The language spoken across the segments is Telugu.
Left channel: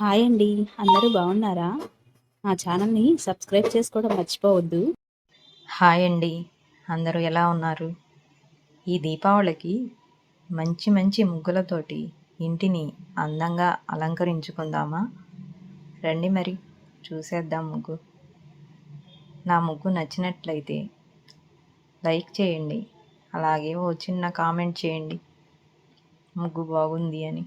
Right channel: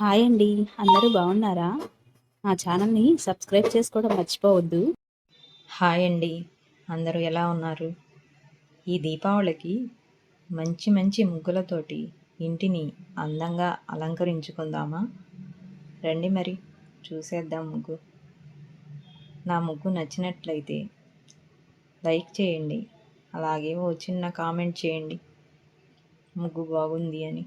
హాయ్ అండి. అందరూ బాగున్నారా? నా ఛానల్ని సబ్స్క్రైబ్ చేసుకోవడం మర్చిపోవద్దు. హాయ్ అండి. అందరూ ఎలా ఉన్నారు? ఈ దీపావళికి మంచి మంచి ముగ్గులతోటి ఇంటిని అందంగా అలంకరించుకుందామా? రండి మరి చూసేద్దాం ముగ్గు. నా ముగ్గు నచ్చినట్లయితే లైక్ చేయండి. అలాగే ఓ చిన్న కామెంట్ చేయండి. ముగ్గు బాగుంది అని.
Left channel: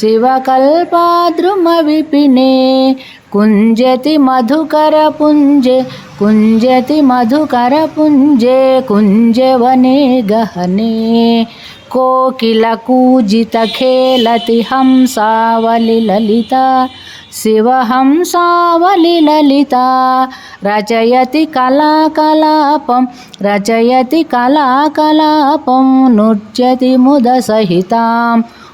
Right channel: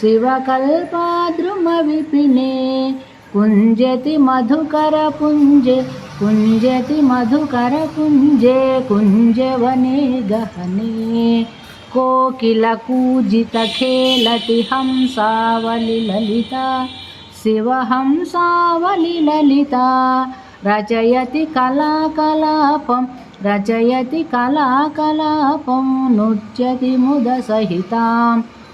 शिवकल्पाद्रुमविपिने कुञ्जति मधुकरपुञ्जे कुञ्जति मधुकरपुञ्जे कुञ्जवने गहने कोकिलकूजितखेलति हंसावलिललिता शिवहंसावलिललिता रचयति कलाकलापं रचयति कलाकलापं नृत्यति मुदसहिताम्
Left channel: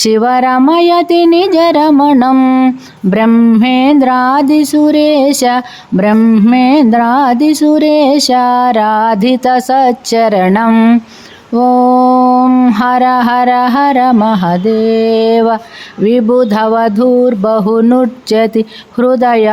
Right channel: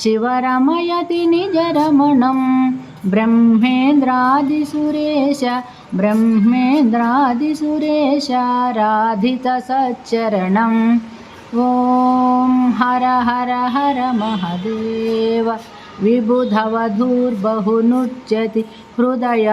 शिवरमयति निजरमणं ब्रह्मेन्द्रादिसुरेश ब्रह्मेन्द्रादिसुरेश राधितसच्चरणम् ॐ हर हर हर महदेव विबुधवधूर्बहुनुच्यति हृदयाह्लादयुतं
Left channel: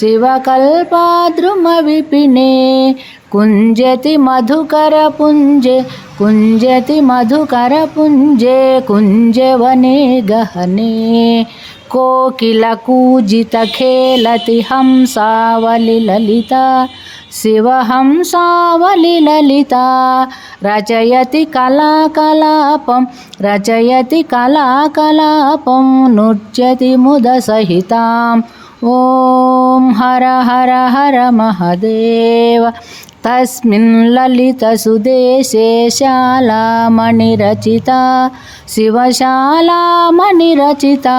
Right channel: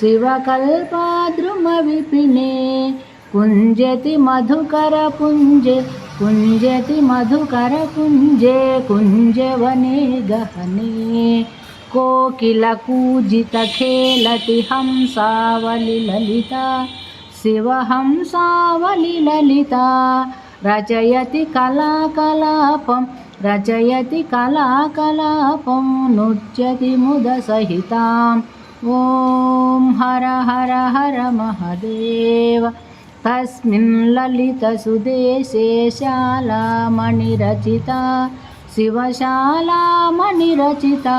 शिवकल्पाद्रुमविपिने कुञ्जति मधुकरपुञ्जे कुञ्जति मधुकरपुञ्जे कुञ्जवने गहने कोकिलकूजितखेलति हंसावलिललिता शिवहंसावलिललिता रचयति कलाकलापं रचयति कलाकलापं नृत्यति मुदसहिताम् ॐ हर हर हर महदेव तस्मिन् ललितसुदेशे शालामणिरचिता शिवशालामणिरचिता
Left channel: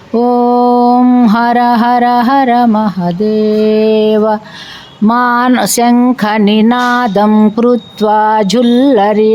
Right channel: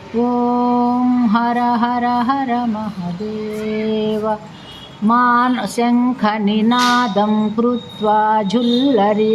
ॐ हर हर हर महदेव मान शङ्खनिनादं कृत्वा झुल्लरिनादयते